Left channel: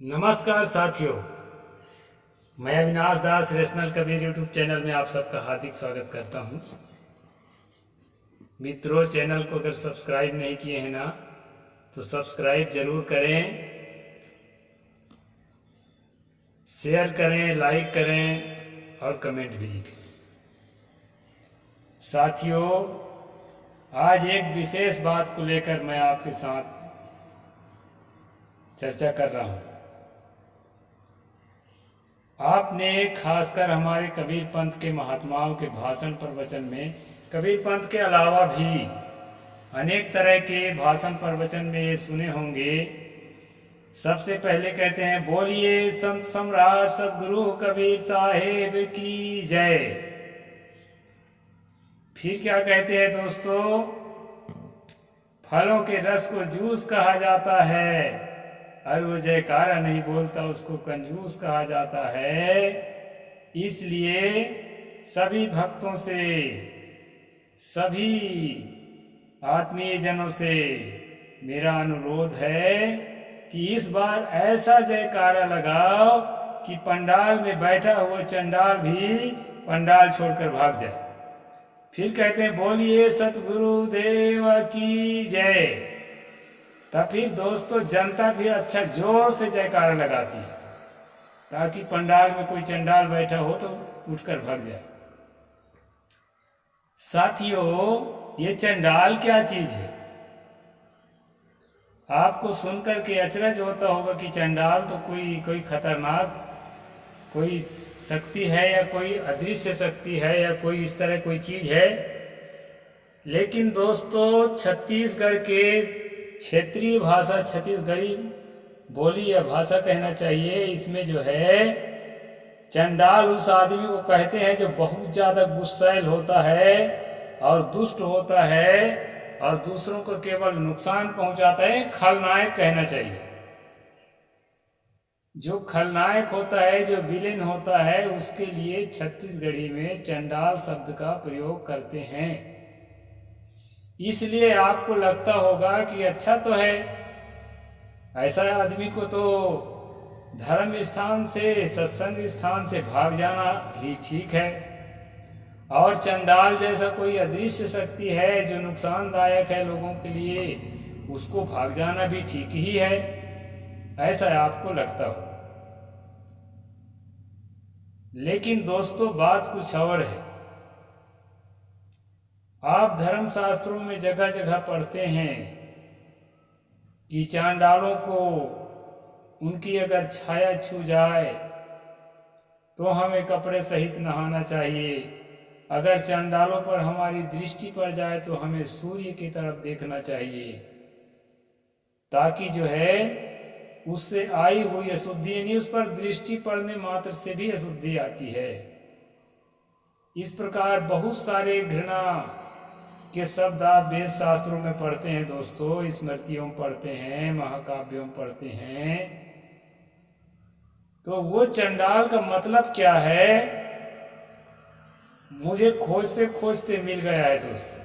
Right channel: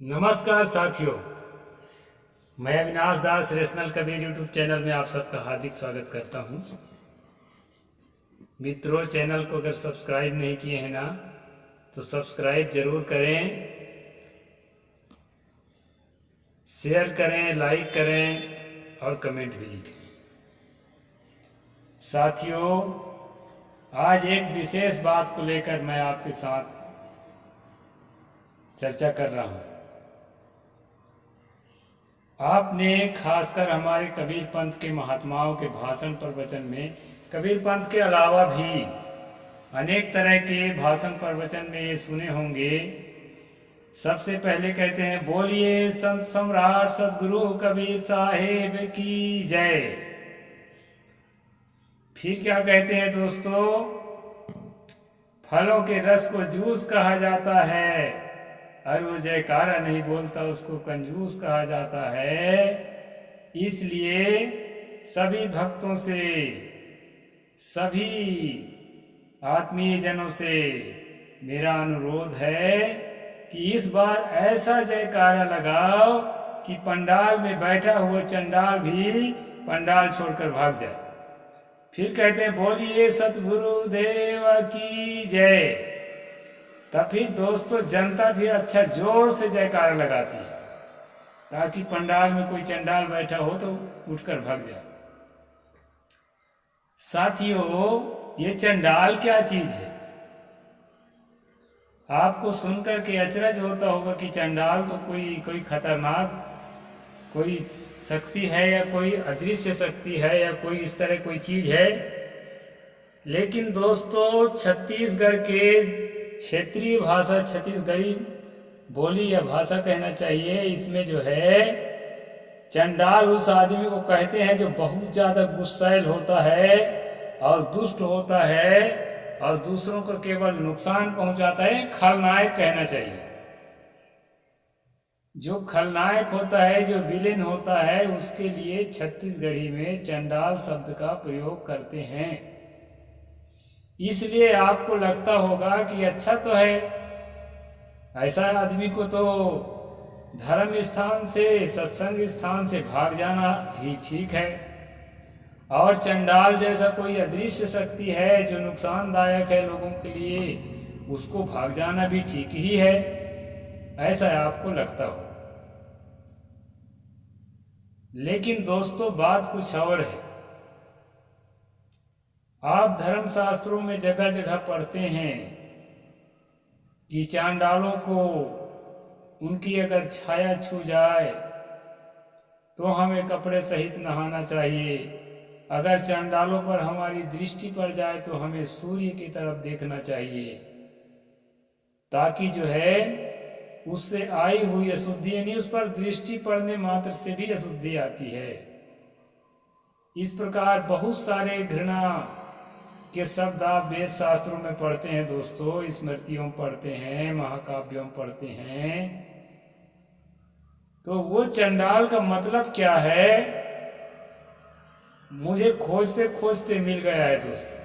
नमस्कार साथियों, मैं अविनाश दास रेशनल कबीर यूट्यूब चैनल में आप सबका हार्दिक स्वागत करता हूं। मित्रों, चैनल को अगर सब्सक्राइब नहीं किए हैं ना तो सब्सक्राइब ज़रूर करें, शेयर करें, लाइक करें और कमेंट भी लिखें। साथियों, आज एक विशेष बात को लेकर मैं आपके साथ चर्चा कर रहा हूं। आपने खासकर हमारे कबीर पंथ के महात्माओं के भाषण प्रवचन में, कबीर पंथ के अलावा भी अनेक तरह के भाषण प्रवचन में ये सुने होंगे। सबसे पहले कहते हैं, बोलिए संत सम्राट सतगुरु कबीर साहेब की जय। फिर क्या कहते हैं दोस्तों, फलों के रस को जूस कहा जाता है और वो जयकारा नहीं बोलता उसको कंजूस कहा जाता है। इसलिए सभी भक्तों से, सभी आत्मीय जनों से मेरा अनुरोध है कि इस बार ऐसा जयकारा लगाओ कि पंडाल में बैठा हुआ चंडाल भी पंडाल छोड़कर भाग जाए। फिर कहते हैं, बोलिए सतगुरु देव की जय। तब फिर दोस्तों जनता फिर अच्छा जोर से जयकारा लगाती है ताकि पंडाल में कोई चंडाल बैठा हो तो उठकर भाग जाए। साथियों, ये चंडाल क्या चीज है? आपको सुनकर के अचरज होता होगा कि चंडाल तो कोई खतरनाक कोई शक्ति है या कोई अदृश्य शक्ति है या कोई इस तरह कोई चीज है। लेकिन दोस्तों, छत्तीसगढ़ के क्षेत्रीय भाषा, छत्तीसगढ़ी बोली या भाषा कहना चाहिए, इसमें जो है चंडाल उस आदमी को कहते हैं जो बहुत ज़्यादा गुस्सैल होता है और दुष्ट होता है और दूसरों को केवल नुकसान पहुंचाता है। खलनायक कहना चाहिए। जो खलनायक होता है, जो विलेन होता है, उसके लिए छत्तीसगढ़ी में चंडाल शब्द का प्रयोग करते हैं। इसलिए आपको लगता होगा कि अच्छा तो है, ऐसा आदमी को तो धर्म स्थान से, सत्संग स्थान से भाग जाना ही ठीक है, और चंडाल जैसा कोई अदृश्य शक्ति है जो नुकसानदायक है लोगों के लिए, उसको भाग जाना भी ठीक ही है, ऐसा आपको लगता हो। लेकिन दोस्तों, बात कुछ और है। आप धर्मशास्त्रों में जगह जगह पढ़ते हैं कि चांडालों को उनकी अगर छाया छू जाए तो हमें कपड़े सहित नहाना चाहिए। अगर चांडालों पर हमारी दृष्टि पड़ जाए तो हमें सूर्य की तरफ देखना चाहिए, ताकि जो है उससे आई हुई अशुद्धि, यानी उस पर दृष्टि पड़ने मात्र से भी अशुद्धि आती है। इस प्रकार बहुत सारे घृणा के शब्द आप वेद शास्त्रों में पढ़ते हैं दोस्तों, स्मृतियों में पढ़ते हैं, महाकाव्यों में पढ़ते हैं। तो वो चंडाल का मतलब क्या है, मुझे खोजते खोजते मिल गया है दोस्तों।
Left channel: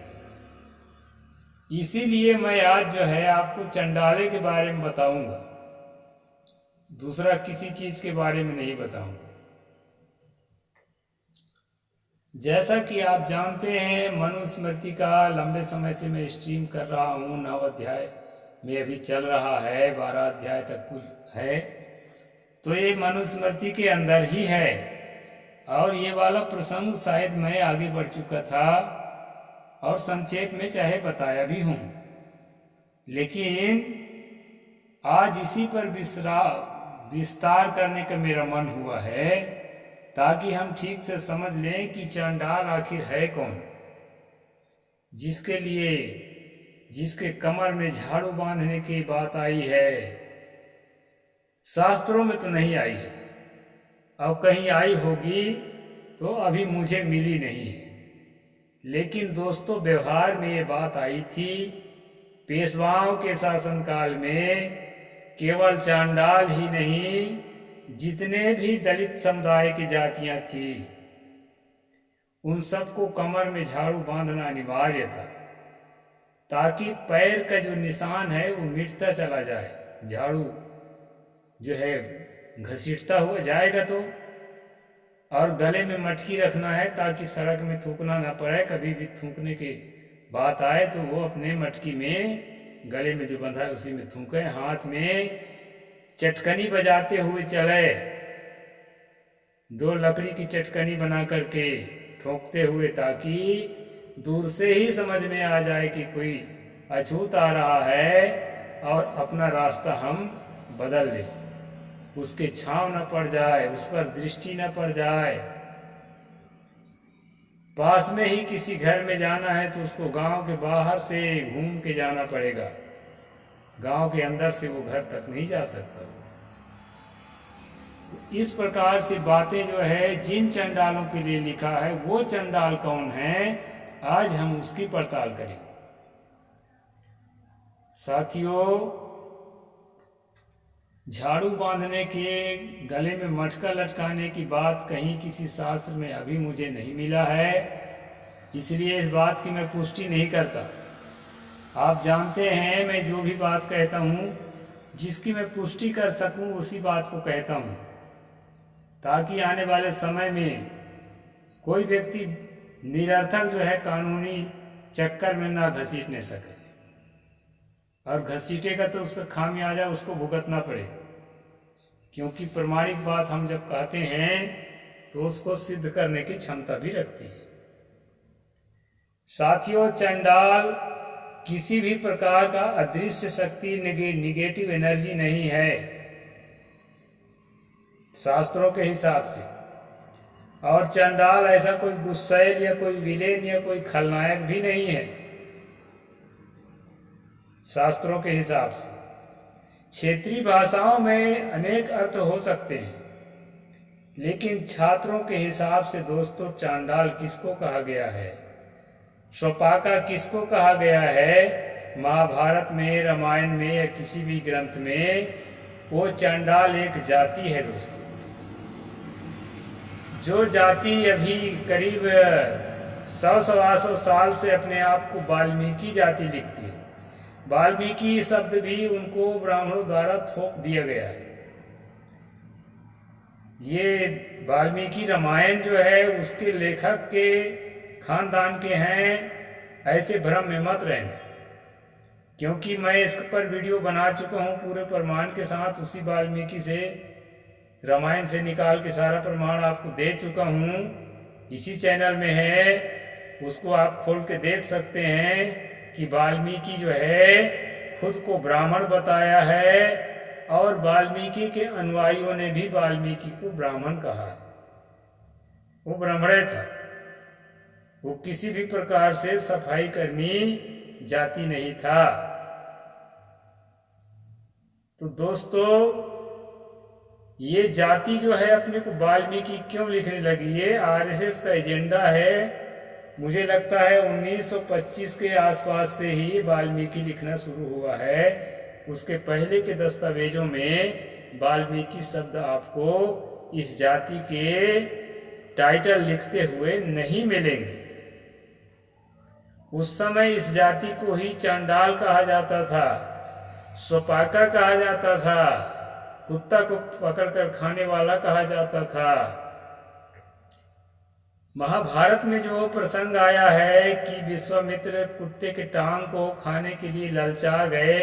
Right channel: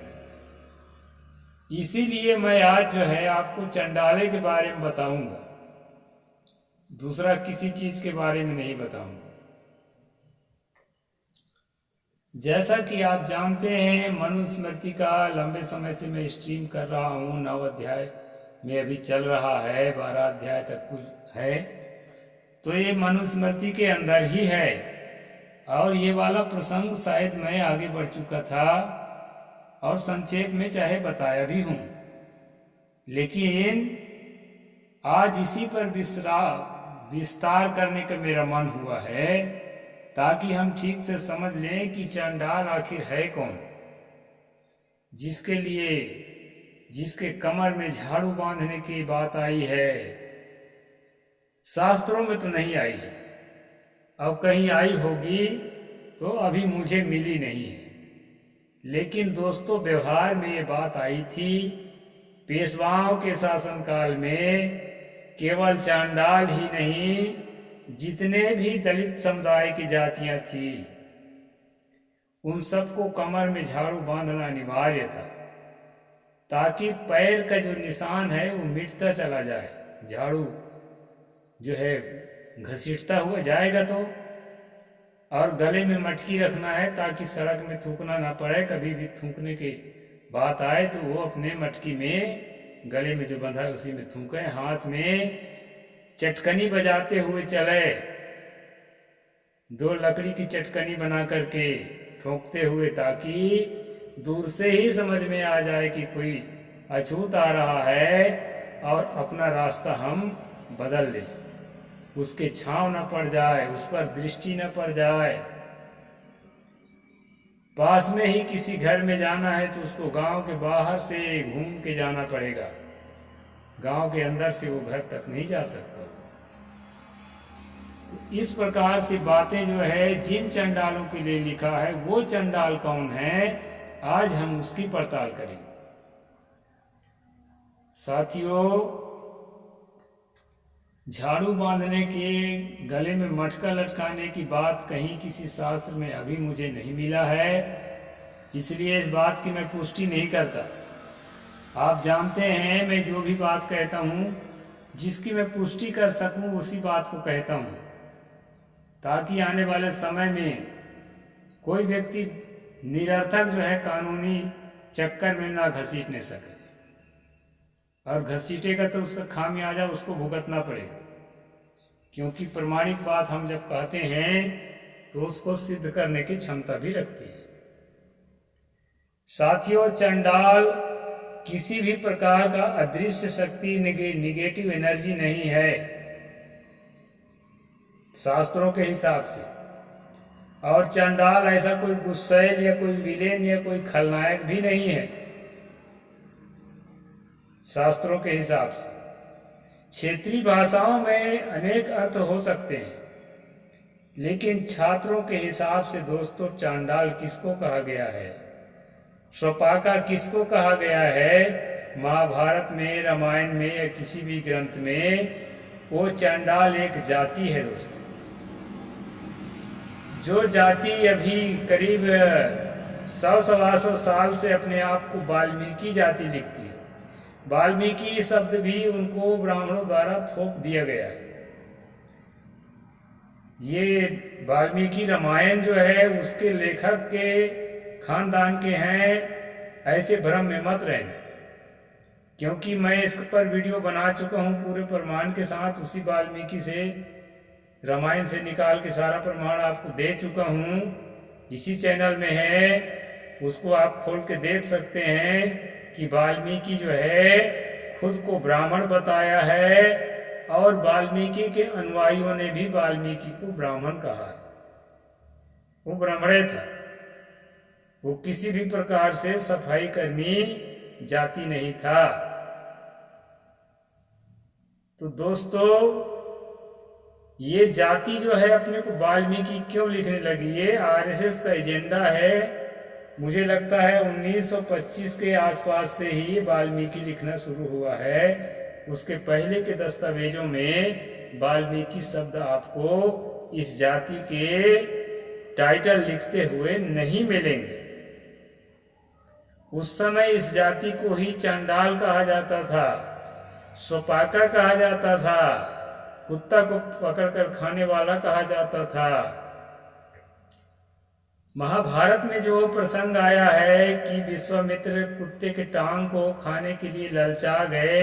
इसीलिए मैं आज जो है आपको चंडाले के बारे में बताऊंगा, दूसरा किसी चीज के बारे में नहीं बताऊंगा। जैसा कि आप जानते हैं, मनुस्मृति का लंबे समय से मैं स्ट्रीम कर रहा हूँ। 9 अध्याय में अभी चल रहा है, 12 अध्याय तक कुल है। तो ये मनुस्मृति के अंदर ही है, और ये वाला प्रसंग शायद मैं आगे बढ़ चुका था और संक्षेप में चाहे बताया भी हूँ, लेकिन आज इसी पर विस्तार करने का मेरा मन हुआ है, ताकि हम ठीक से समझ लें कि चंडाल आखिर है कौन, जिसके लिए, जिसके कमर में झाड़ू बांधने की बात आई है। शास्त्रों में तो नहीं आई है, और कहीं आई होगी तो अभी मुझे मिली नहीं है। लेकिन दोस्तों, व्यवहार में ये बात आई थी। पेशवाओं के शासनकाल में केवल चांडाल ही नहीं, जितने भी दलित समुदाय की जातियां थी, उन सबको कमर में झाड़ू बांधना अनिवार्य था, ताकि पैर का जो निशान है वो मिटता चला जाए। झाड़ू जो है घसीटता हुआ जाएगा। तो और गले में मटकी रखना है ताकि सड़क में थूकना ना पड़े। कभी भी थूकने की बात आए तो वो अपने मटकी में गले में जो बंधा है उसी में थूके। हाथ में चटकनी बजाते हुए चले, 2 लकड़ी की चटकनी बना करके ठोकते हुए, ताकि दूर से ही समझ में आ जाए कि कोई अछूत आ रहा है और अपना रास्ता हम बदल लें। उसके छांव न पड़ जाए, उस पर दृष्टि न पड़ जाए। पास में ही किसी घर में जाना है तो उसको गांव के बाहर से घूम के जाना पड़ेगा, गांव के अंदर से वो घर तक नहीं जा सकता। इस प्रकार से बातें जो है जिन चंडालों के लिए लिखा है, वो चंडाल कौन है, आज हम उसकी पड़ताल करेंगे। साथियों, झाड़ू बांधने के, गले में मटका लटकाने की बात कहीं किसी शास्त्र में अभी मुझे नहीं मिला है, इसलिए इस बात की मैं पुष्टि नहीं करता। आप जानते हैं मैं जो भी बात कहता हूँ, जिसकी मैं पुष्टि कर सकूँ उसी बात को कहता हूँ, ताकि आने वाले समय में कोई व्यक्ति निरर्थक जो है कानूनी चक्कर में ना घसीटने सके, और घसीटेगा तो उसका खामियाजा उसको भुगतना पड़ेगा। क्योंकि प्रमाणिक बात हम जब कहते हैं तो उसको सिद्ध करने की क्षमता भी रखती है। साथियों, चंडाल किसी भी प्रकार का अदृश्य शक्ति, निगेटिव एनर्जी नहीं है शास्त्रों के हिसाब से। और चंडाल ऐसा कोई गुस्सैल या कोई विलेन या कोई खलनायक भी नहीं है शास्त्रों के हिसाब से। क्षेत्रीय भाषाओं में अनेक अर्थ हो सकते हैं, लेकिन छात्रों के हिसाब से दोस्तों, चांडाल किसको कहा गया है, स्वपाका किसको कहा गया है, महाभारत में, रामायण में या किसी भी ग्रंथ में, वो चांडाल एक जाति है दोस्तों। जो जाति अभी करीब 100-125 साल से अपने आप को वाल्मीकि जाति लिखती है। वाल्मीकि शब्द भी उनको ब्राह्मणों द्वारा थोप दिया गया है। ये वाल्मीकि रामायण जो है उसके लेखक के खानदान के हैं, ऐसे भ्रम में मत रहना। क्योंकि मैं इस पर वीडियो बना चुका हूँ पूरे प्रमाण के साथ, उसी वाल्मीकि से, रामायण से निकाल के सारा प्रमाण आपको दे चुका हूँ। इसी चैनल में है, उसको आप खोल के देख सकते हैं कि वाल्मीकि जो है खुद को ब्राह्मण बताया है, और वाल्मीकि के अनुयायियों ने भी वाल्मीकि को ब्राह्मण कहा। वो ब्राह्मण था, वो किसी भी प्रकार से सफाई कर्मी जाति नहीं था। तो दोस्तों, ये जाति जो है अपने को वाल्मीकि क्यों लिखने लगी, ये आरएसएस का एजेंडा है। मुझे लगता है 1925 के आसपास से ही वाल्मीकि लिखना शुरू हुआ है। उसके पहले के दस्तावेजों में वाल्मीकि शब्द आपको इस जाति के टाइटल लिखते हुए नहीं मिलेंगे। उस समय इस जाति को ही चांडाल कहा जाता था, स्वपाका कहा जाता था, कुत्ता को पकड़कर खाने वाला कहा जाता था। महाभारत में जो प्रसंग आया है कि विश्वामित्र कुत्ते के टांग को खाने के लिए ललचा गए,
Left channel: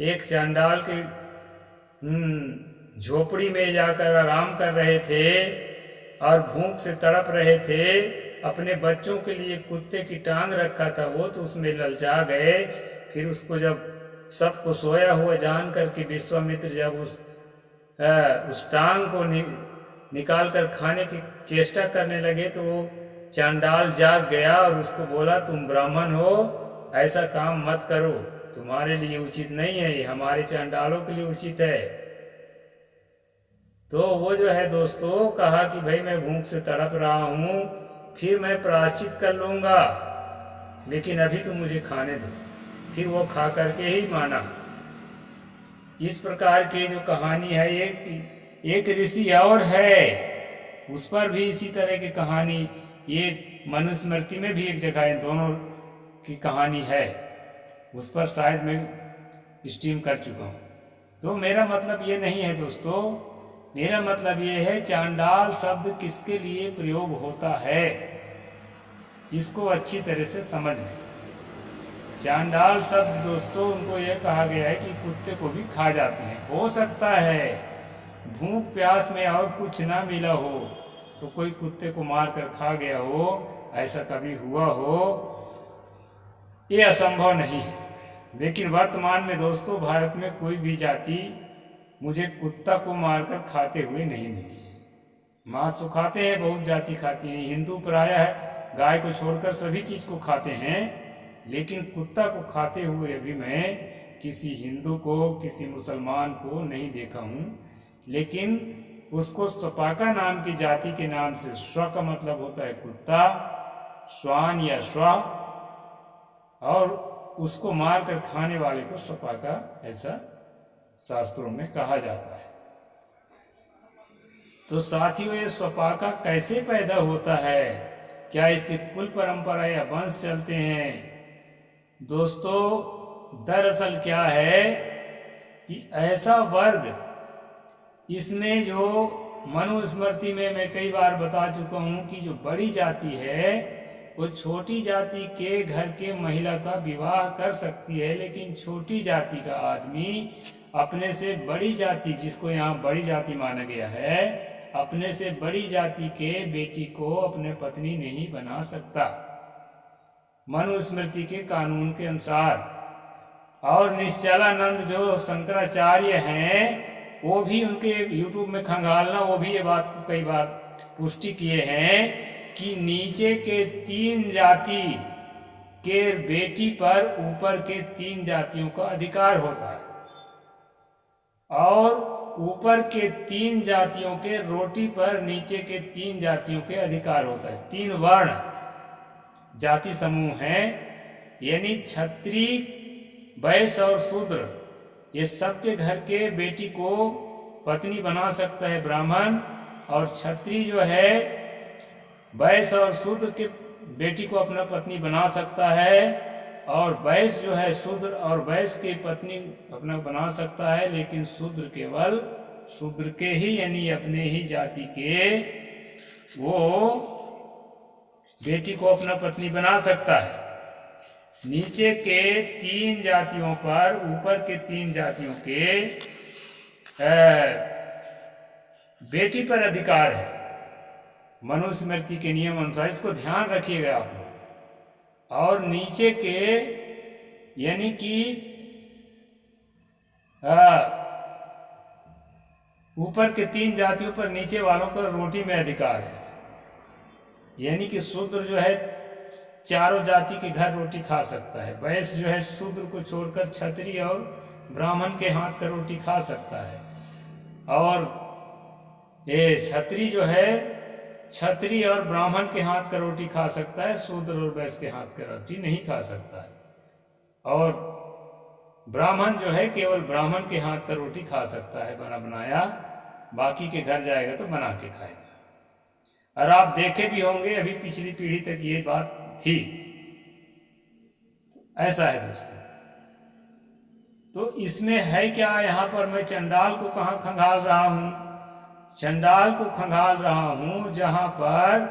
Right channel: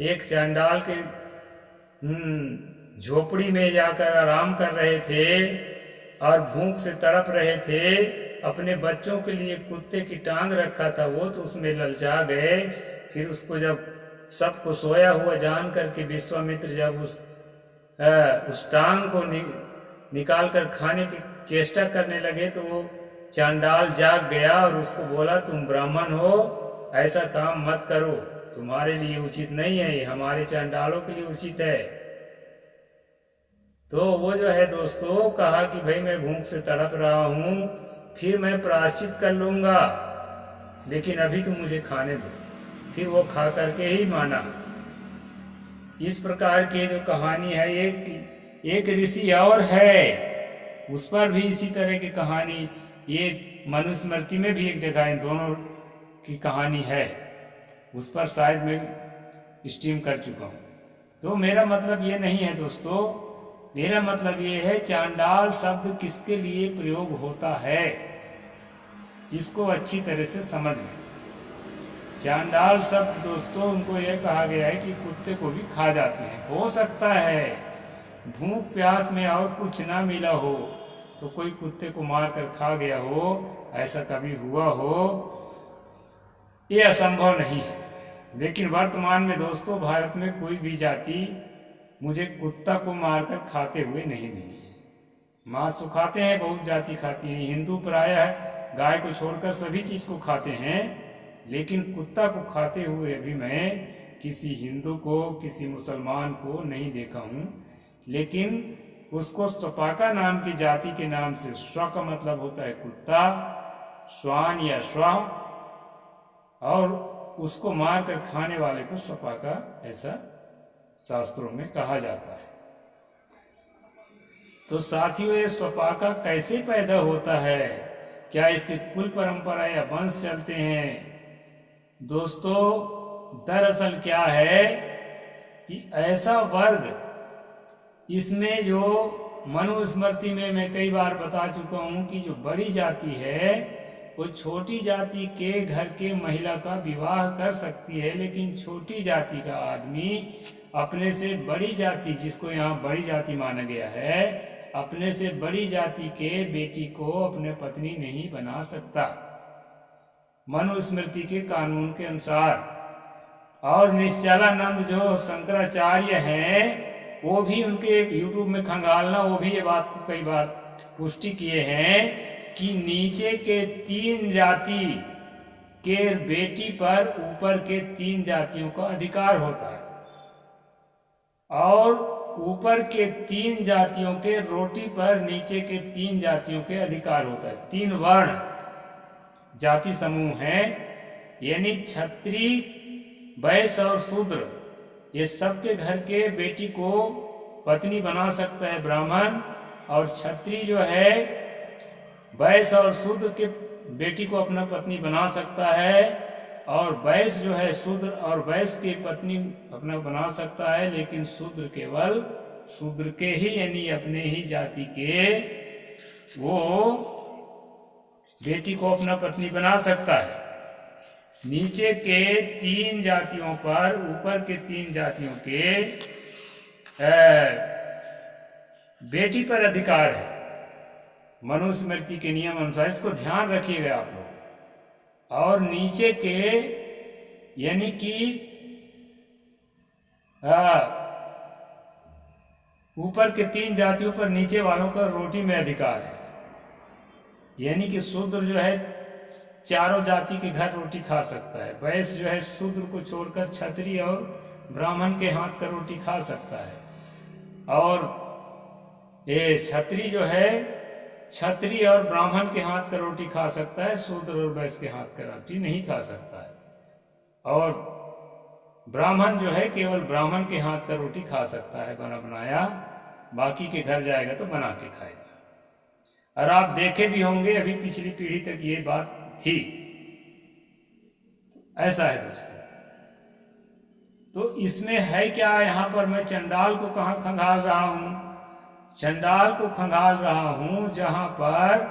एक चांडाल के झोपड़ी में जाकर आराम कर रहे थे और भूख से तड़प रहे थे, अपने बच्चों के लिए कुत्ते की टांग रखा था, वो तो उसमें ललचा गए। फिर उसको जब सबको सोया हुआ जान करके विश्वामित्र जब उस टांग को निकाल कर खाने की चेष्टा करने लगे, तो वो चांडाल जाग गया और उसको बोला, तुम ब्राह्मण हो, ऐसा काम मत करो, तुम्हारे लिए उचित नहीं है, ये हमारे चांडालों के लिए उचित है। तो वो जो है दोस्तों कहा कि भाई मैं भूख से तड़प रहा हूँ, फिर मैं प्रायश्चित कर लूँगा, लेकिन अभी तो मुझे खाने दो। फिर वो खा करके ही माना। इस प्रकार के जो कहानी है, एक ऋषि और है, उस पर भी इसी तरह की कहानी, ये मनुस्मृति में भी एक जगह इन दोनों की कहानी है, उस पर शायद मैं स्ट्रीम कर चुका हूँ। तो मेरा मतलब ये नहीं है दोस्तों, मेरा मतलब ये है चांडाल शब्द किसके लिए प्रयोग होता है, इसको अच्छी तरह से समझ लें। चांडाल शब्द दोस्तों उनको यह कहा गया है कि कुत्ते को भी खा जाते हैं। हो सकता है भूख प्यास में और कुछ ना मिला हो तो कोई कुत्ते को मार कर खा गया हो, ऐसा कभी हुआ हो, ये असंभव नहीं है। लेकिन वर्तमान में दोस्तों भारत में कोई भी जाति मुझे कुत्ता को मारकर खाते हुए नहीं मिली है। मांस तो खाते हैं, बहुत जाति खाती है, हिंदू प्रायः गाय को छोड़कर सभी चीज़ को खाते हैं, लेकिन कुत्ता को खाते हुए अभी मैं किसी हिंदू को, किसी मुसलमान को नहीं देखा हूँ। लेकिन उसको स्वपाका नाम की जाति के नाम से, स्व का मतलब होता है कुत्ता, श्वान या श्वा, और उसको मार कर खाने वाले को स्वपाका ऐसा शास्त्रों में कहा जाता है। तो साथियों ये स्वपाका कैसे पैदा होता है, क्या इसके कुल परंपरा या वंश चलते हैं? दोस्तों दरअसल क्या है कि ऐसा वर्ग, इसमें जो मनुस्मृति में मैं कई बार बता चुका हूँ कि जो बड़ी जाति है वो छोटी जाति के घर के महिला का विवाह कर सकती है, लेकिन छोटी जाति का आदमी अपने से बड़ी जाति, जिसको यहाँ बड़ी जाति माना गया है, अपने से बड़ी जाति के बेटी को अपने पत्नी नहीं बना सकता मनुस्मृति के कानून के अनुसार। और निश्चलानंद जो शंकराचार्य हैं वो भी, उनके यूट्यूब में खंगालना, वो भी ये बात को कई बार पुष्टि किए हैं कि नीचे के 3 जाति के बेटी पर ऊपर के 3 जातियों का अधिकार होता है, और ऊपर के 3 जातियों के रोटी पर नीचे के 3 जातियों के अधिकार होता है। 3 वर्ण जाति समूह हैं, यानी क्षत्रिय, वैश्य और शूद्र, ये सबके घर के बेटी को पत्नी बना सकता है ब्राह्मण, और क्षत्रिय जो है वैश्य और शूद्र के बेटी को अपना पत्नी बना सकता है, और वैश्य जो है शूद्र और वैश्य की पत्नी अपना बना सकता है, लेकिन शूद्र केवल शूद्र के ही, यानी अपने ही जाति के वो बेटी को अपना पत्नी बना सकता है। नीचे के 3 जातियों पर ऊपर के 3 जातियों के बेटी पर अधिकार है मनुस्मृति के नियम अनुसार, इसको ध्यान रखिएगा आप लोग। और नीचे के यानी कि ऊपर के 3 जातियों पर नीचे वालों का रोटी में अधिकार है, यानी कि शूद्र जो है चारों जाति के घर रोटी खा सकता है, वैश्य जो है शूद्र को छोड़कर क्षत्रिय और ब्राह्मण के हाथ का रोटी खा सकता है, और ये क्षत्रिय जो है क्षत्रिय और ब्राह्मण के हाथ का रोटी खा सकता है, शूद्र और वैश्य के हाथ का रोटी नहीं खा सकता है, और ब्राह्मण जो है केवल ब्राह्मण के हाथ का रोटी खा सकता है बना बनाया, बाकी के घर जाएगा तो बना के खाएगा। और आप देखे भी होंगे अभी पिछली पीढ़ी तक ये बात थी। ऐसा है दोस्तों। तो इसमें है क्या, यहाँ पर मैं चंडाल को कहाँ खंगाल रहा हूँ? चंडाल को खंगाल रहा हूँ जहाँ पर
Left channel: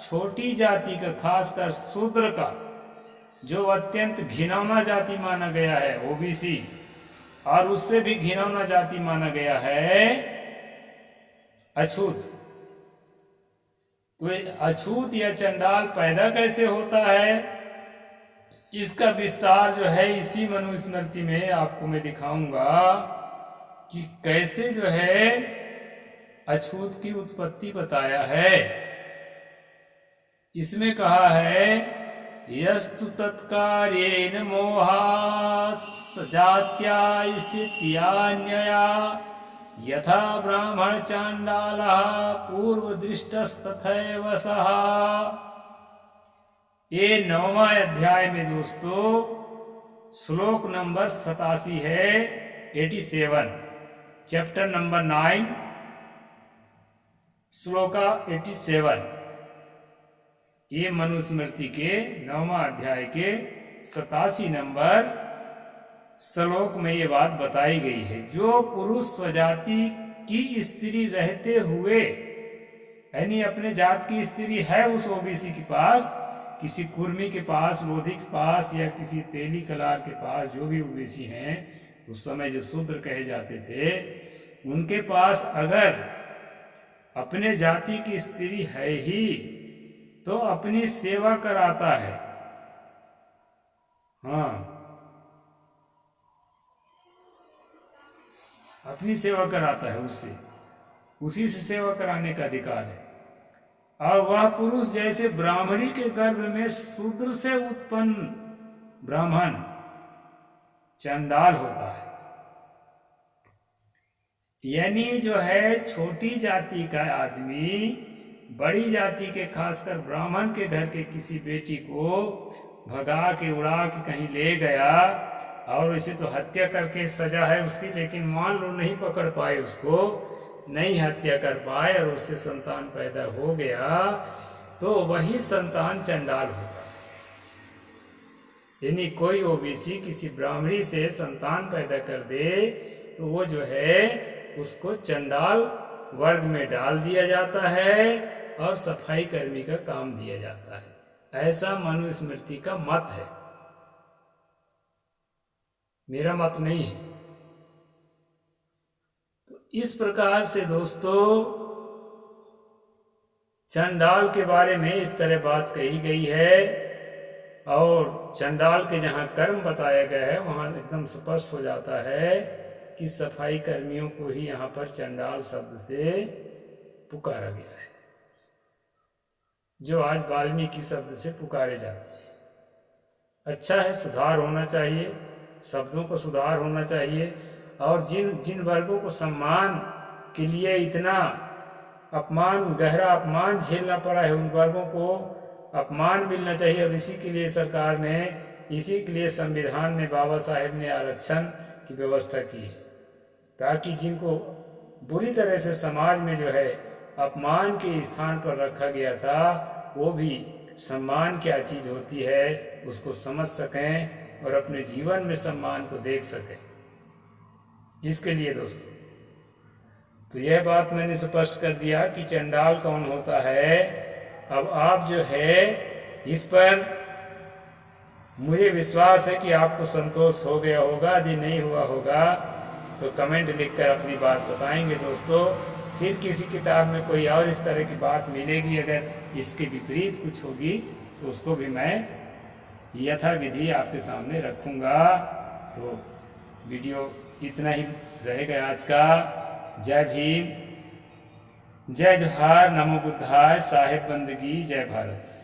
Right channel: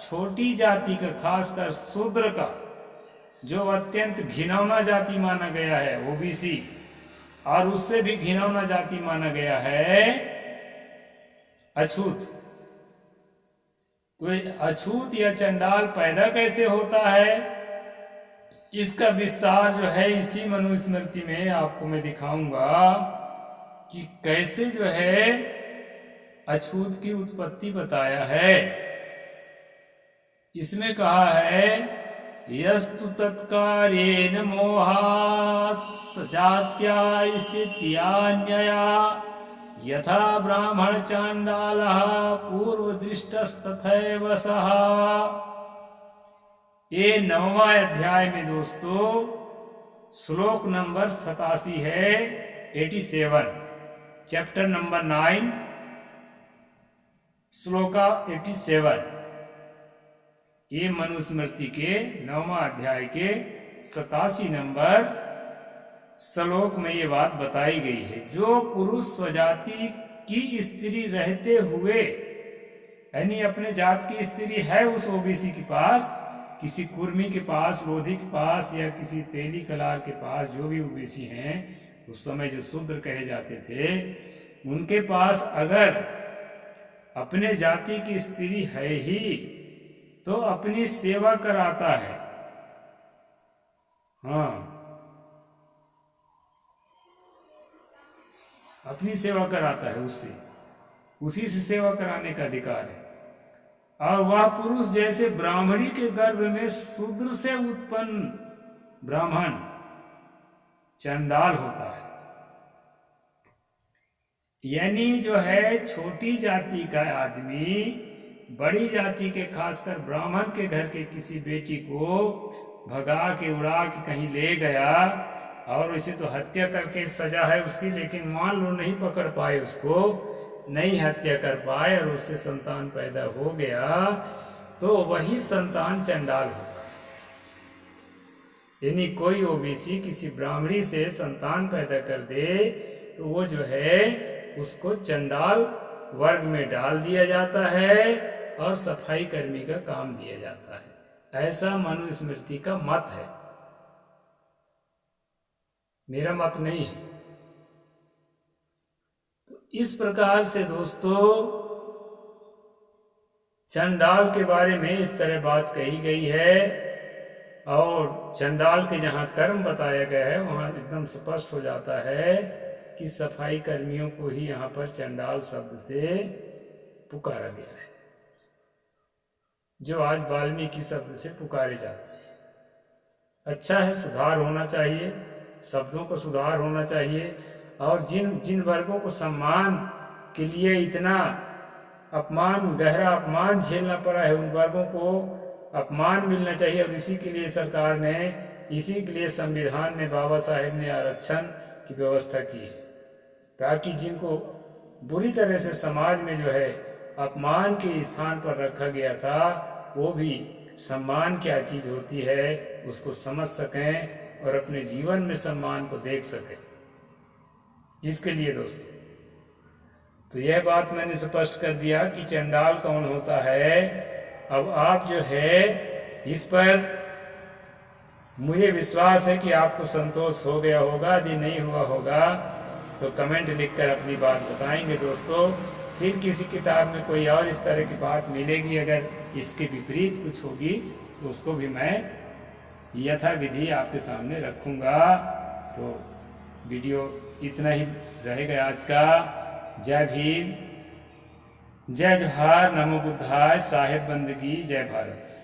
छोटी जाति का, खासकर शूद्र का, जो अत्यंत घिनौना जाति माना गया है ओबीसी, और उससे भी घिनौना जाति माना गया है अछूत। तो अछूत या चंडाल पैदा कैसे होता है, इसका विस्तार जो है इसी मनुस्मृति में आपको मैं दिखाऊंगा कि कैसे जो है अछूत की उत्पत्ति बताया है। इसमें कहा है यस्तु तत्कार्येन मोहात् जात्या स्थित्यान्यया यथा ब्राह्मण चांडालः पूर्वदृष्टस्तथैव सः। ये 9वां अध्याय में दोस्तों श्लोक नंबर 87 है, 87, चैप्टर नंबर 9 श्लोका 87। ये मनुस्मृति के 9वां अध्याय के 87 नंबर श्लोक में ये बात बताई गई है। जो पुरुष स्वजाति की स्त्री रहते हुए, यानी अपने जात की स्त्री है उस ओबीसी के पास, किसी कुर्मी के पास, लोधी के पास या किसी तेली कलार के पास, जो भी ओबीसी हैं उस समय जो शूद्र कहे जाते थे, उनके पास अगर अपने जाति की स्त्री है ही तो अपनी सेवा कराता है। हाँ, अपनी सेवा कराता है, उससे उसी से सेवा कराने का अधिकार है। और वह पुरुष जैसे ब्राह्मणी के गर्भ में शूद्र से उत्पन्न ब्राह्मण चंडाल होता है, यानी जो है छोटी जाति का आदमी बड़ी जाति के, खासकर ब्राह्मण के घर के किसी बेटी को भगा के उड़ा के कहीं ले गया, और वैसे तो हत्या करके सजा है उसकी, लेकिन मान लो नहीं पकड़ पाए उसको, नहीं हत्या कर पाए और उससे संतान पैदा हो गया, तो वही संतान चंडाल होता है। यानी कोई ओबीसी किसी ब्राह्मणी से संतान पैदा कर दे तो वो जो है उसको चंडाल वर्ग में डाल दिया जाता है और सफाई कर्मी का काम दिया जाता है। ऐसा मनुस्मृति का मत है, मेरा मत नहीं है। तो इस प्रकार से दोस्तों चंडाल के बारे में इस तरह बात कही गई है, और चंडाल के जहाँ कर्म बताया गया है वहाँ एकदम स्पष्ट हो जाता है कि सफाई कर्मियों को ही यहाँ पर चंडाल शब्द से पुकारा गया है, जो आज वाल्मीकि शब्द से पुकारे जाते हैं। अच्छा है, सुधार होना चाहिए, शब्दों को सुधार होना चाहिए, और जिन वर्गों को सम्मान के लिए इतना अपमान, गहरा अपमान झेलना पड़ा है, उन वर्गों को अपमान मिलना चाहिए। और इसी के लिए सरकार ने, इसी के लिए संविधान ने, बाबा साहेब ने आरक्षण की व्यवस्था की है, ताकि जिनको बुरी तरह से समाज में जो है अपमान के स्थान पर रखा गया था, वो भी सम्मान क्या चीज़ होती है उसको समझ सकें और अपने जीवन में सम्मान को देख सकें। इसके लिए दोस्तों तो यह बात मैंने स्पष्ट कर दिया कि चंडाल कौन होता है। अब आप जो है इस पर, मुझे विश्वास है कि आपको संतोष हो गया होगा, यदि नहीं हुआ होगा तो कमेंट लिखकर अपनी बात बताएंगे दोस्तों। फिर किसी किताब में कोई और इस तरह की बात मिलेगी, अगर इसके विपरीत कुछ होगी तो उसको भी मैं यथाविधि आपके सामने रखूँगा। तो वीडियो इतना ही रहेगा आज का। जय भीम, जय जोहार, नमो बुद्धाय, साहेब बंदगी, जय भारत।